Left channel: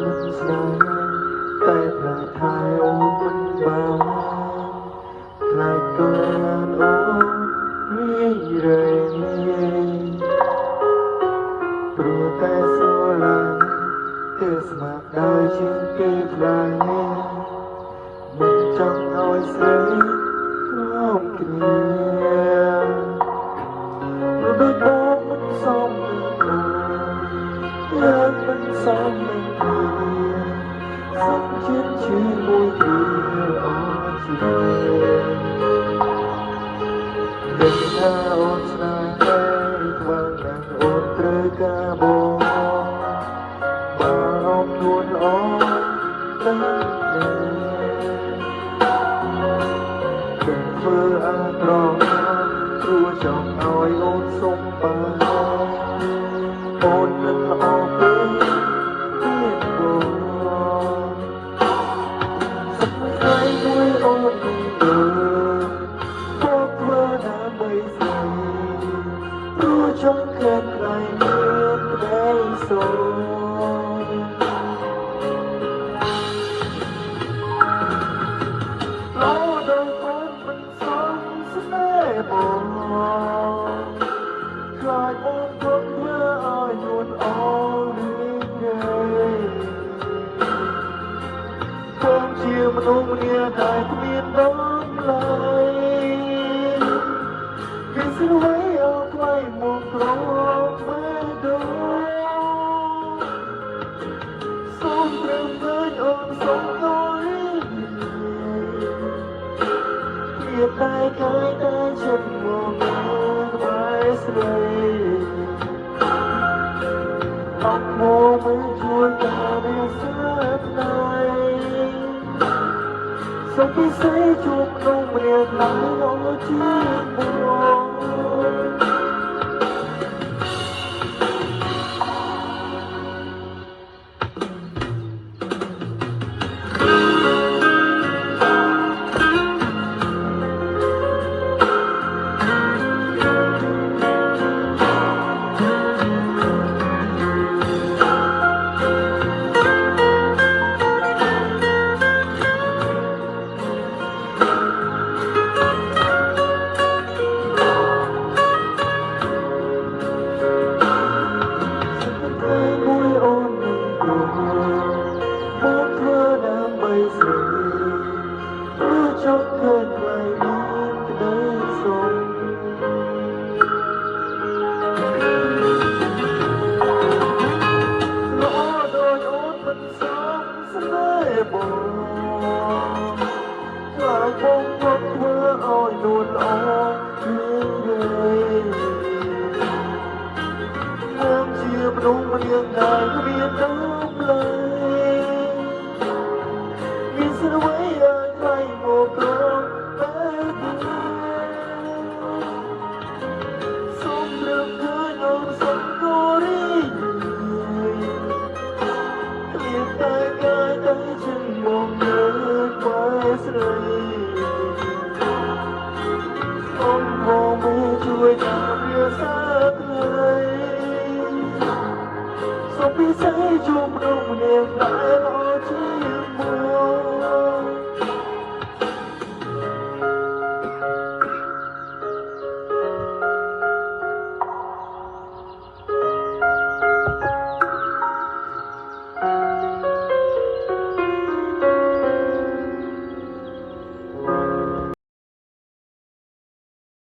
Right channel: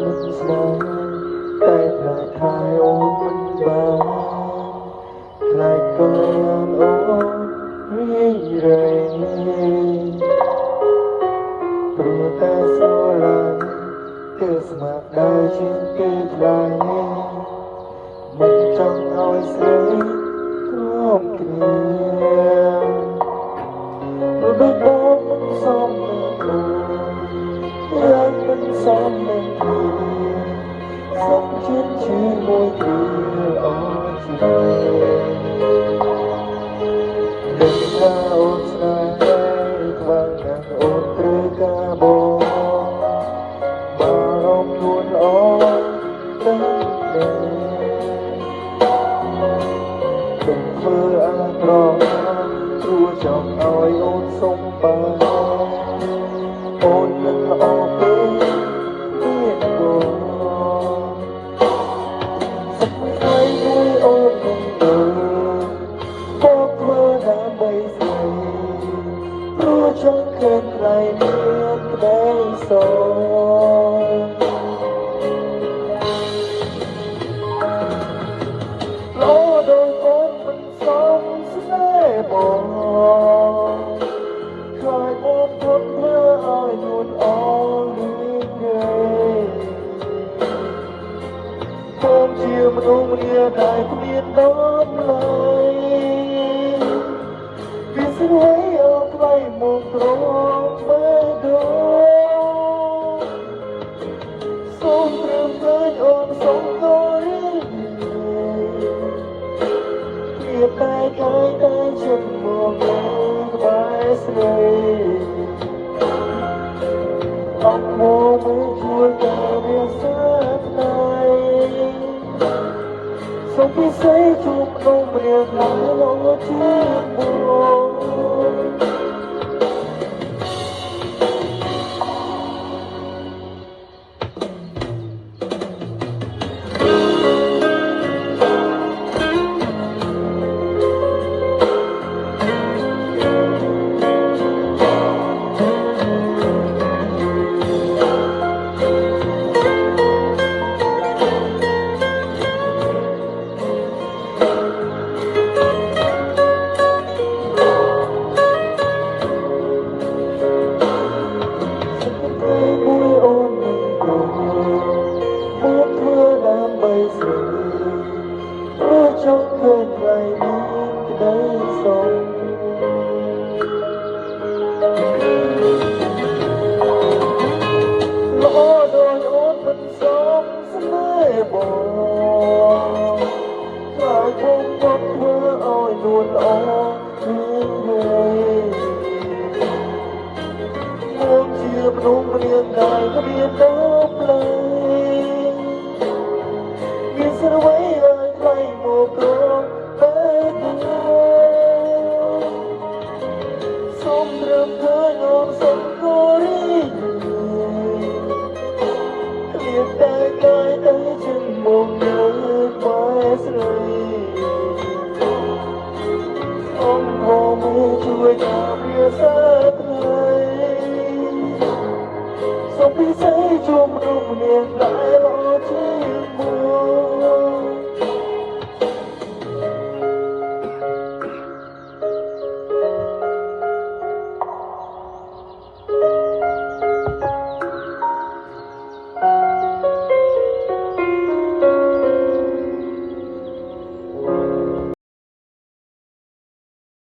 មិនស្នេហ៍តែផ្លូវថែអូនមិនបានខ្លាចកូនអូនរីរែងព្រោះតែស្រឡាញ់គឺស្មារតីជាងគេខ្លាំងមិនចង់ឲ្យស្រីខំគ្នារត់ដល់មិនសមនឹងយ៉ាងមិនសមនឹងសុខចិត្តជាមួយគ្នាអូនស្រីដឹងថាអូនស្នេហ៍ខ្លាំងណាស់អូនត្រូវការបងបារម្ភខ្លួនអូនទៅដែរធ្វើអាក្រក់គួរចង់ឲ្យអូនសុំបានអូនមិនអត់ទេទៀតអូនសុខថ្ងៃមួយអូននឹងទៅមកធ្វើដើម្បីស្រីព្រោះចង់ឃើញថ្លៃមានក្តីសុខមនុស្សរាតែគ្មានដំណើរវាស្រួយអត់ថ្លៃមកក្របែដូសូមព្រមឃើញអូនសុំយល់វាតែកាយតែចិត្តមកក្បែរស្រីអត់មកជួយការវាសាថ្លៃសុខពិសេសជួបក្នុងរៀងណាលោកចង់ឃើញថ្លៃមានក្តីសុខល្អដោយអូនមិនសមស្នេហ៍បងខ្លាចបងយកធ្វើឲ្យនួនល្អមានហើយយើងជាមនុស្សរៀងដែលគ្មានដំណើរមានស្រួយឲ្យថ្លៃមកក្របែទៅសូមរំភើយអូនសុំគូរីគ្មានតែកាយតែជំនុំនៅបែស្រីអូនមកជួយការវាសាថ្លៃសុខពិសេសជួបមនុស្សនាងដែល